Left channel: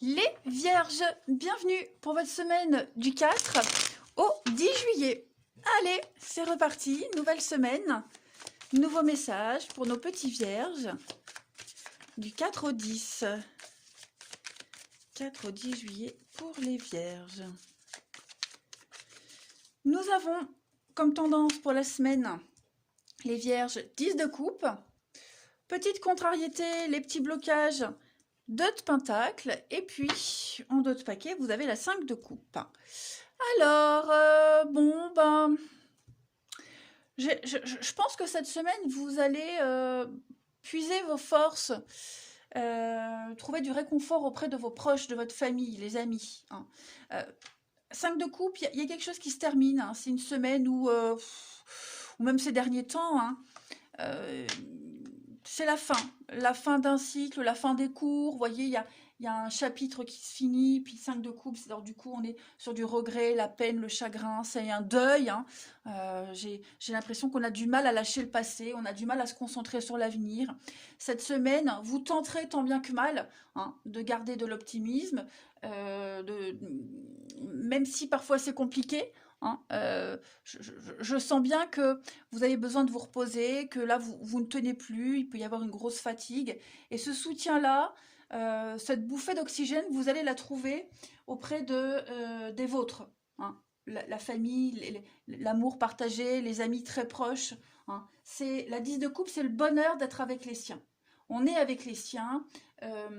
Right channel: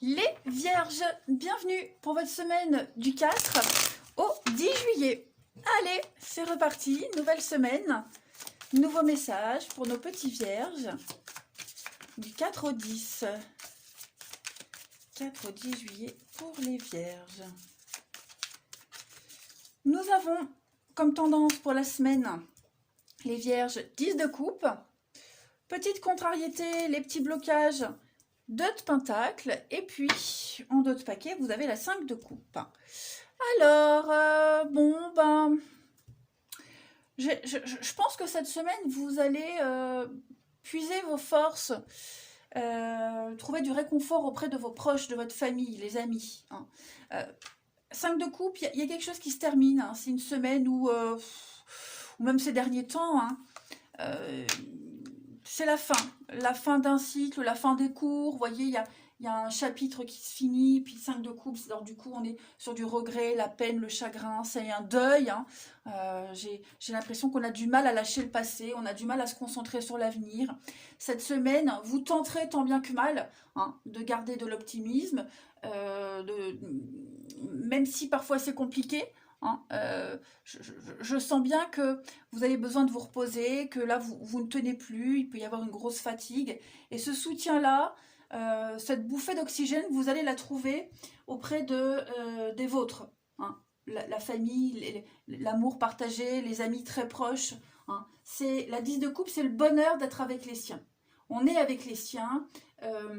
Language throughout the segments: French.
Les Vierges, bienvenue pour votre semaine du 4 au 10 juillet. Allez, c'est reparti, nouvelle semaine, nouveau message pour nos petits Vierges du 4 au 10. 4 au 10 juillet pour les Vierges. Nous avons comme tendance pour la semaine les Vierges 10 de coupe. Petite contrariété, les petits blocages, 2 de pentacle. Et puis, en dos de paquet, vous avez la 5 de coupe. Alors, je pense que cette semaine, vous allez puiser vos forces, trouver du réconfort auprès de vos proches, de votre famille, les amis. 5 de coupe, il y a quelque chose qui se termine. C'est une semaine ou même ces derniers temps, c'est la fin d'un cycle, la fin des cours. Vous voyez, il y a un chapitre qui se finit, puis 5 de coupe. Alors du coup, on est sur du regret, la peine, le chagrin, c'est un deuil. J'ai l'impression qu'on a du mal à lâcher le passé, on a du mal à se concentrer sur l'avenir. Cette semaine, vous tenterez tant bien que mal de garder de l'optimisme, même si parfois c'est compliqué. Je sens bien que vous avez besoin de vous reposer, que là vous ne tenez plus, il peut y avoir une grosse fatigue. Et ce soutien-là, cette bouffée d'oxygène, vous allez la trouver auprès des vôtres. La famille, l'amour partagé, les amis très proches. C'est la 10 de coupe, c'est le bonheur d'être avec les siens. On est avec les siens, euh,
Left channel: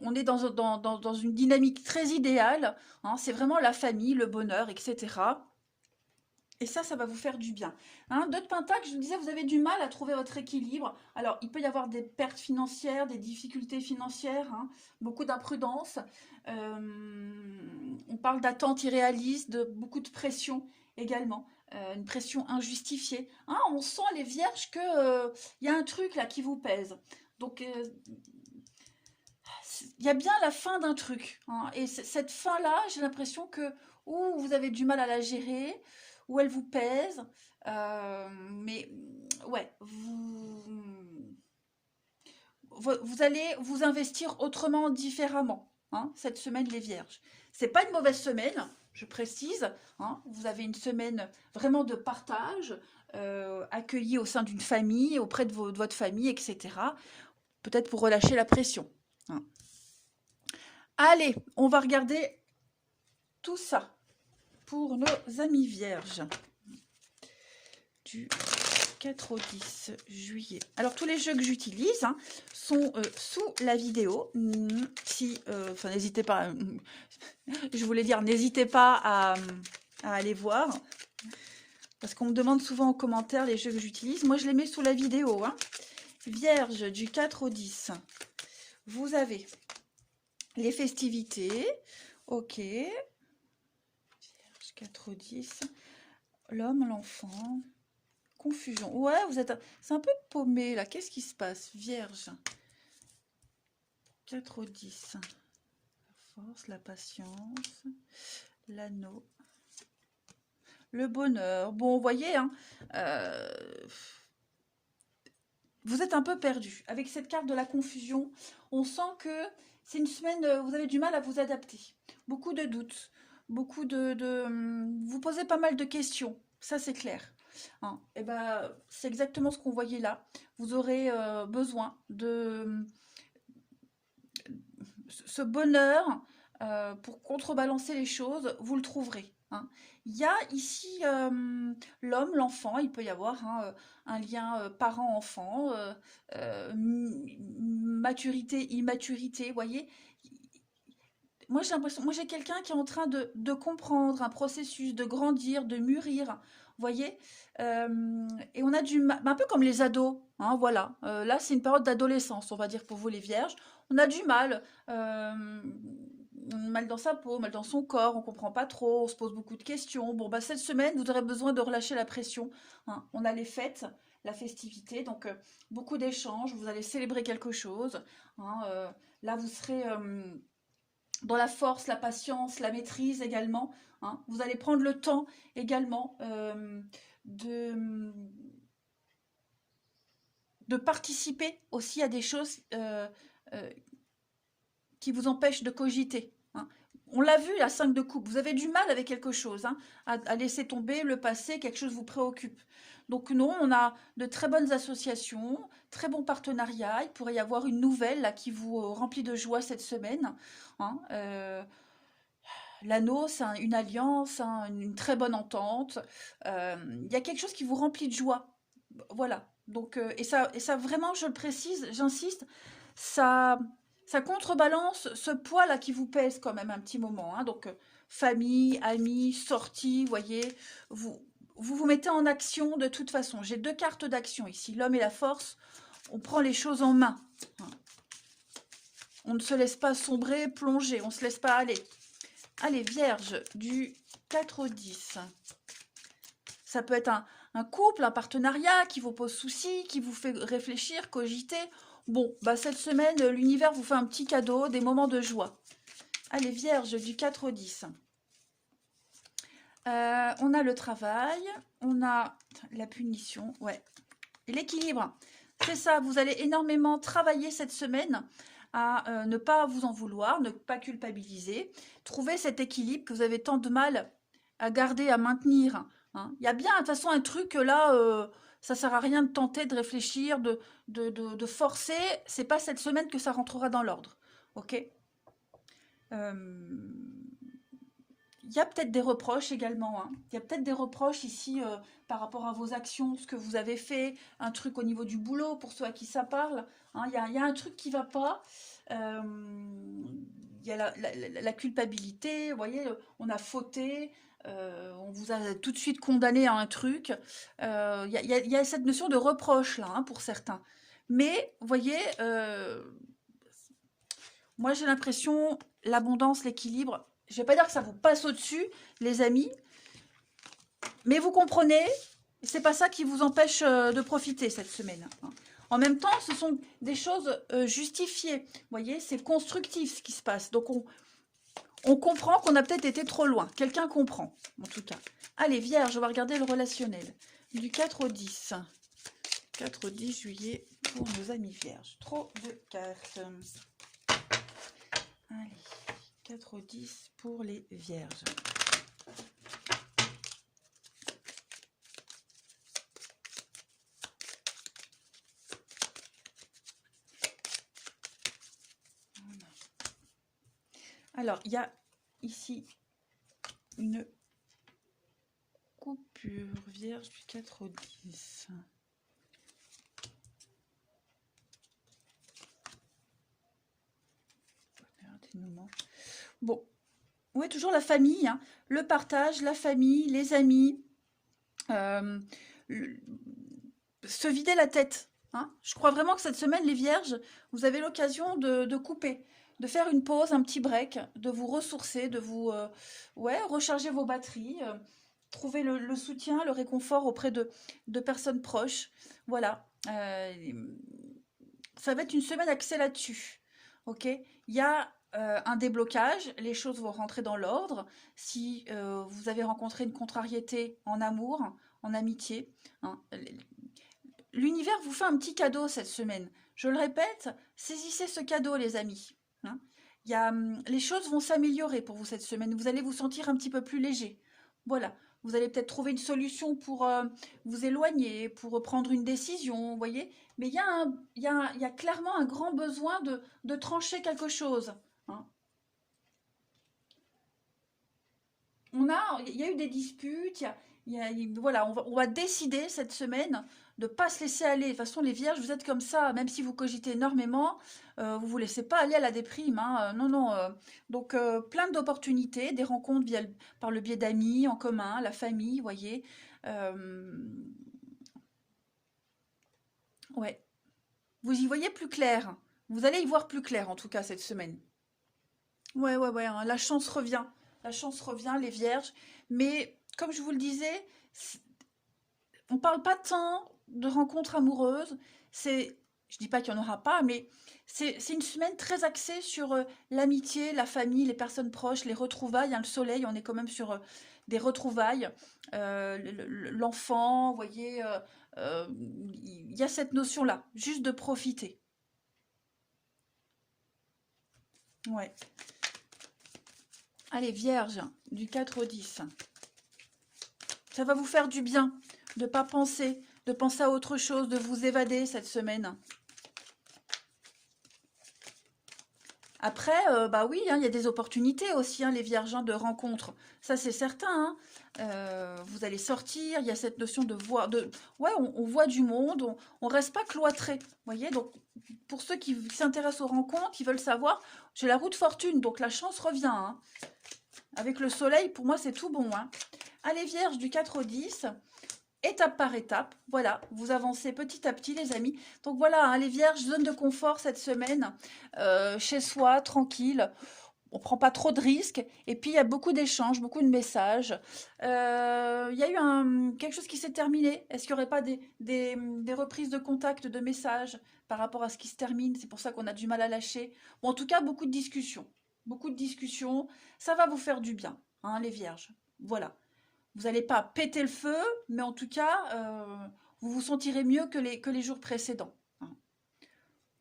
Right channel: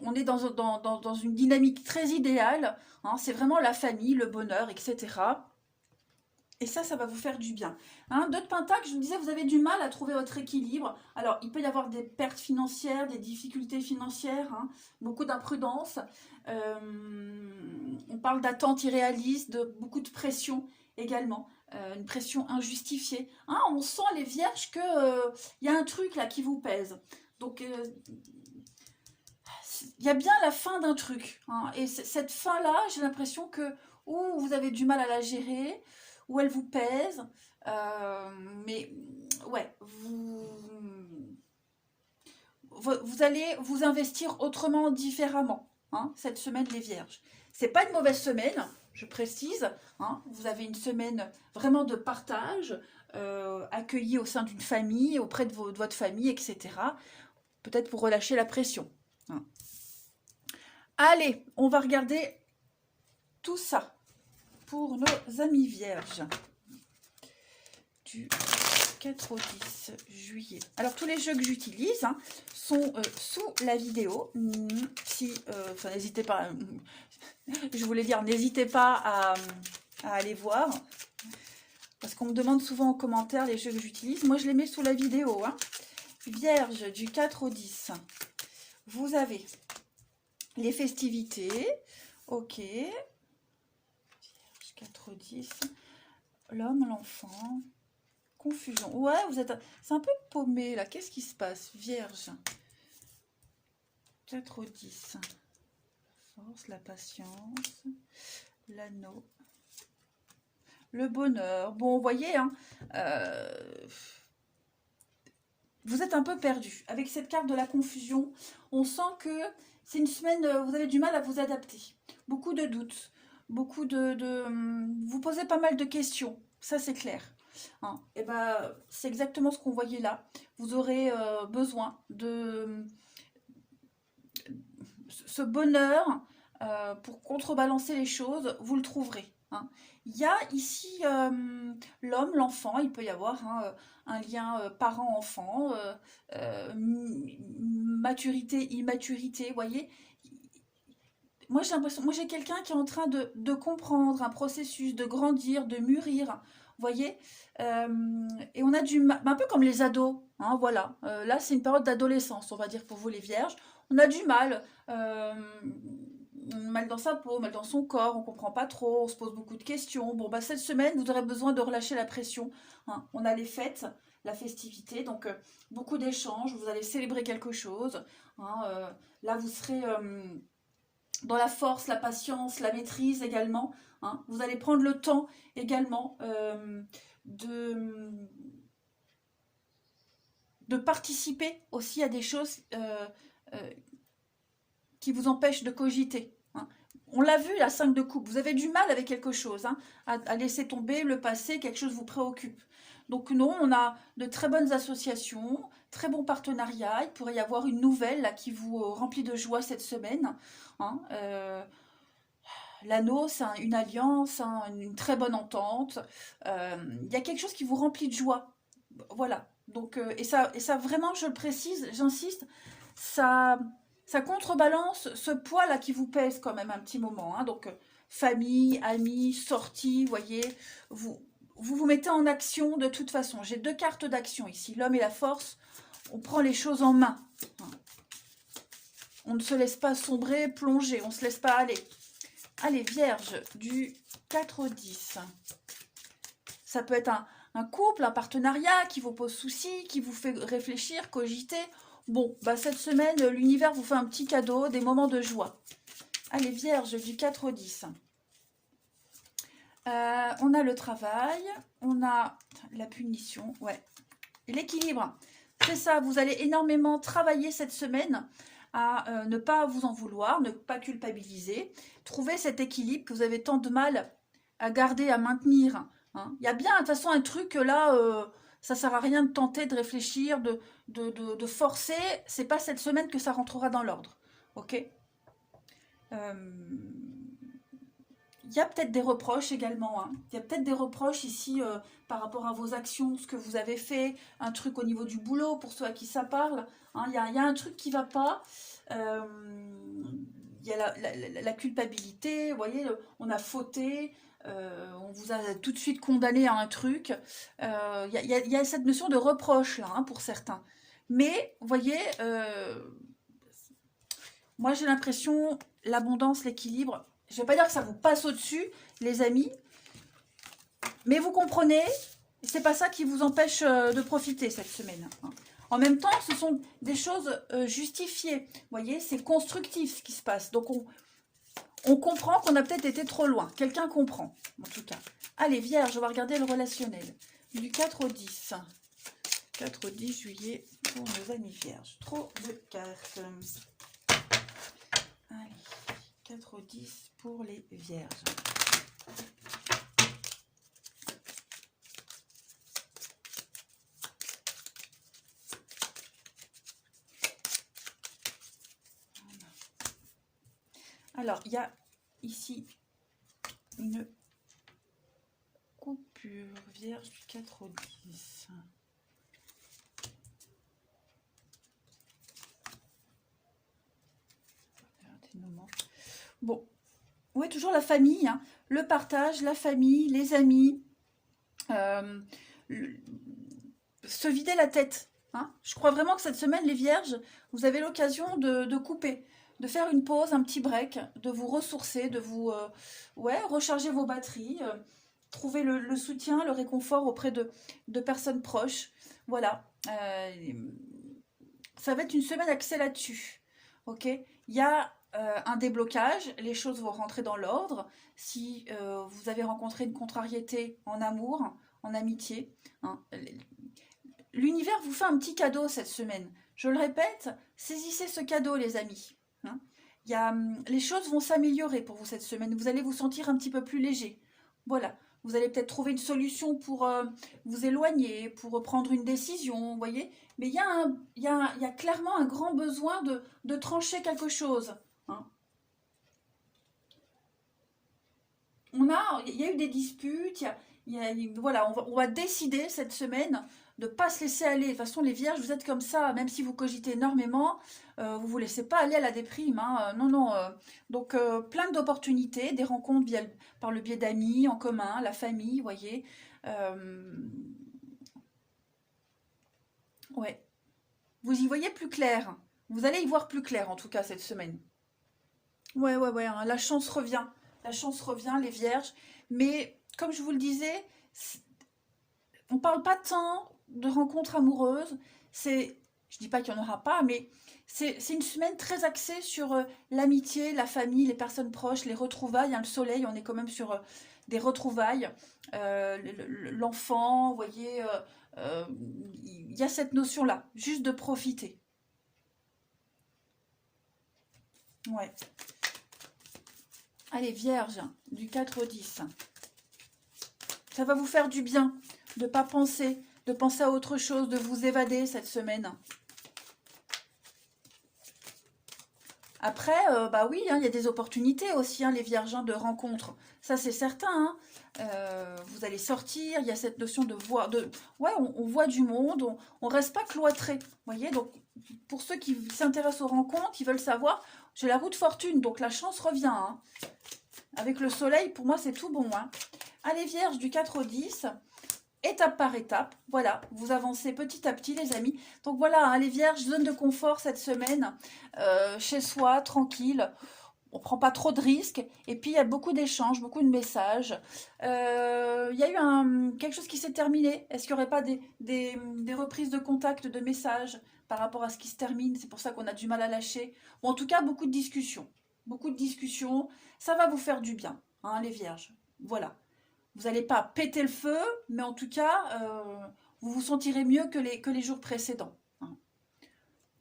on est dans une dynamique très idéale. C'est vraiment la famille, le bonheur, etc. Et ça va vous faire du bien. Deux de pentacle, je vous disais, vous avez du mal à trouver votre équilibre. Alors, il peut y avoir des pertes financières, des difficultés financières, beaucoup d'imprudence. Euh, on parle d'attentes irréalistes, de beaucoup de pression également. Une pression injustifiée. On sent les vierges que y a un truc là qui vous pèse. Donc, il y a bien la fin d'un truc. Et cette fin-là, j'ai l'impression que ou vous avez du mal à la gérer, ou elle vous pèse. euh, mais ouais, vous allez vous investir autrement, différemment, cette semaine les Vierges. C'est pas une mauvaise semaine, je précise. Vous avez une semaine vraiment de partage, accueilli au sein d'une famille, auprès de votre famille, etc. Peut-être pour relâcher la pression. Allez, on va regarder tout ça pour nos amis vierges du 4 au 10 juillet. Alors, tous les jeux que j'utilise sont sous la vidéo. N'hésitez pas, je voulais dire, n'hésitez pas à aller voir. Parce qu'on me demande souvent en commentaire les jeux que j'utilise. Moi, je les mets sous la vidéo. Vierge du 4 au 10. Vous avez les festivités. Ok. 4, 10, l'homme, l'enfant, confusion. Ouais, c'est un peu paumé là. Qu'est-ce qui se passe? Vierge. 4 au 10. La force, la patience, l'anneau, le bonheur. Bon, vous voyez, vous êtes un peu perdu. Avec cette carte de la confusion, on sent que c'est une semaine, vous avez du mal à vous adapter. Beaucoup de doutes, vous posez pas mal de questions, ça c'est clair. Et ben, c'est exactement ce qu'on voyait là. Vous aurez besoin de ce bonheur pour contrebalancer les choses, vous le trouverez. Il y a ici l'homme, l'enfant, il peut y avoir un lien parent-enfant, maturité, immaturité, vous voyez. Moi j'ai l'impression, moi j'ai quelqu'un qui est en train de comprendre un processus, de grandir, de mûrir, vous voyez. Et on a un peu comme les ados, voilà. Là c'est une période d'adolescence, on va dire pour vous les vierges. On a du mal, mal dans sa peau, mal dans son corps, on comprend pas trop, on se pose beaucoup de questions. Bon bah cette semaine vous aurez besoin de relâcher la pression. On a les fêtes, la festivité, donc beaucoup d'échanges, vous allez célébrer quelque chose. Là vous serez dans la force, la patience, la maîtrise également. Vous allez prendre le temps également de, de participer aussi à des choses qui qui vous empêche de cogiter. Hein. On l'a vu, la 5 de coupe, vous avez du mal avec quelque chose, hein, à laisser tomber le passé, quelque chose vous préoccupe. Donc non, on a de très bonnes associations, très bons partenariats, il pourrait y avoir une nouvelle là, qui vous remplit de joie cette semaine. Hein, l'anneau, c'est une alliance, hein, une très bonne entente. Il y a quelque chose qui vous remplit de joie. Voilà. Donc, et ça vraiment, je le précise, j'insiste, ça, ça contrebalance ce poids-là qui vous pèse quand même un petit moment. Hein. Donc, famille, amis, sortie, voyez, vous, vous mettez en action de toute façon. J'ai 2 cartes d'action ici, l'homme et la force. On prend les choses en main. On ne se laisse pas sombrer, plonger, on ne se laisse pas aller. Allez, Vierge, du 4-10. Ça peut être un couple, un partenariat qui vous pose souci, qui vous fait réfléchir, cogiter. Bon, bah cette semaine, l'univers vous fait un petit cadeau, des moments de joie. Allez, Vierge, du 4-10. On a le travail, on a la punition, ouais. Et l'équilibre, c'est ça, vous allez énormément travailler cette semaine à ne pas vous en vouloir, ne pas culpabiliser, trouver cet équilibre que vous avez tant de mal à garder, à maintenir. Hein. Il y a bien de toute façon un truc là, ça ne sert à rien de tenter, de réfléchir, de forcer. C'est pas cette semaine que ça rentrera dans l'ordre. Ok. Il y a peut-être des reproches également. Hein. Il y a peut-être des reproches ici par rapport à vos actions, ce que vous avez fait, un truc au niveau du boulot pour ceux à qui ça parle. Hein. Il y a un truc qui ne va pas. Il y a la culpabilité, vous voyez, on a fauté, on vous a tout de suite condamné à un truc. Il y a cette notion de reproche là, hein, pour certains. Mais, vous voyez, moi j'ai l'impression, l'abondance, l'équilibre, je ne vais pas dire que ça vous passe au-dessus, les amis, mais vous comprenez, c'est pas ça qui vous empêche de profiter cette semaine. Hein. En même temps, ce sont des choses justifiées. Vous voyez, c'est constructif ce qui se passe. Donc, on comprend qu'on a peut-être été trop loin. Quelqu'un comprend, en tout cas. Allez, Vierge, on va regarder le relationnel. Du 4 au 10. 4 au 10 juillet pour nos amis Vierges. Trop de cartes. Allez, 4 au 10 pour les Vierges. Alors, il y a ici une coupure Vierge du 4 au 10. Bon, oui, toujours la famille, hein. Le partage, la famille, les amis, se vider la tête. Hein. Je crois vraiment que cette semaine, les Vierges, vous avez l'occasion de couper, de faire une pause, un petit break, de vous ressourcer, de vous recharger vos batteries, trouver le soutien, le réconfort auprès de personnes proches. Voilà. Ça va être une semaine axée là-dessus. Ok. Il y a un déblocage, les choses vont rentrer dans l'ordre. Si vous avez rencontré une contrariété en amour, en amitié, hein, l'univers vous fait un petit cadeau cette semaine. Je le répète, saisissez ce cadeau, les amis. Hein. Les choses vont s'améliorer pour vous cette semaine. Vous allez vous sentir un petit peu plus léger. Voilà. Vous allez peut-être trouver une solution pour vous éloigner, pour prendre une décision, vous voyez. Mais il y a clairement un grand besoin de trancher quelque chose. Hein. Il y a eu des disputes, voilà, on va décider cette semaine de ne pas se laisser aller. De toute façon, les vierges, vous êtes comme ça, même si vous cogitez énormément, vous ne vous laissez pas aller à la déprime. Hein, non, non. Donc, plein d'opportunités, des rencontres par le biais d'amis en commun, la famille, vous voyez. Ouais. Vous y voyez plus clair. Vous allez y voir plus clair, en tout cas, cette semaine. Ouais, ouais, ouais, hein, la chance revient. La chance revient, les vierges. Mais, comme je vous le disais, on parle pas tant de rencontres amoureuses. Je dis pas qu'il n'y en aura pas, mais c'est une semaine très axée sur l'amitié, la famille, les personnes proches, les retrouvailles. Hein, le soleil, on est quand même sur des retrouvailles. L'enfant, vous voyez, euh, il y a cette notion-là, juste de profiter. Ouais. Allez, Vierge, du 4 au 10. Ça va vous faire du bien de ne pas penser, de penser à autre chose, de vous évader cette semaine. Après, bah oui, hein, il y a des opportunités aussi, hein, les Vierges, hein, de rencontres. Ça, c'est certain, hein. Vous allez sortir, il y a cette notion de voir, ouais, on voit du monde, on reste pas cloîtré. Vous voyez, donc pour ceux qui s'intéressent aux rencontres, qui veulent savoir, j'ai la roue de fortune, donc la chance revient, hein. Avec le soleil, pour moi, c'est tout bon, hein. Allez, Vierge, du 4 au 10, étape par étape, voilà, vous avancez petit à petit, les amis. Donc voilà, hein, les Vierges, zone de confort cette semaine, chez soi, tranquille. On ne prend pas trop de risques. Et puis, il y a beaucoup d'échanges, beaucoup de messages. Il y a eu quelque chose qui s'est terminé. Est-ce qu'il n'y aurait pas des reprises de contact, de messages par rapport à ce qui se termine? C'est pour ça qu'on a du mal à lâcher. Bon, en tout cas, beaucoup de discussions. Beaucoup de discussions. Ça va vous faire du bien, hein, les Vierges. Voilà. Vous n'allez pas péter le feu, mais en tout cas, vous vous sentirez mieux que les jours précédents, hein.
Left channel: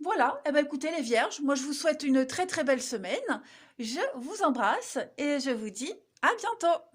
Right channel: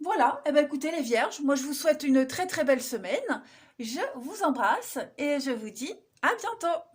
Voilà, eh ben écoutez les Vierges, moi je vous souhaite une très très belle semaine. Je vous embrasse et je vous dis à bientôt.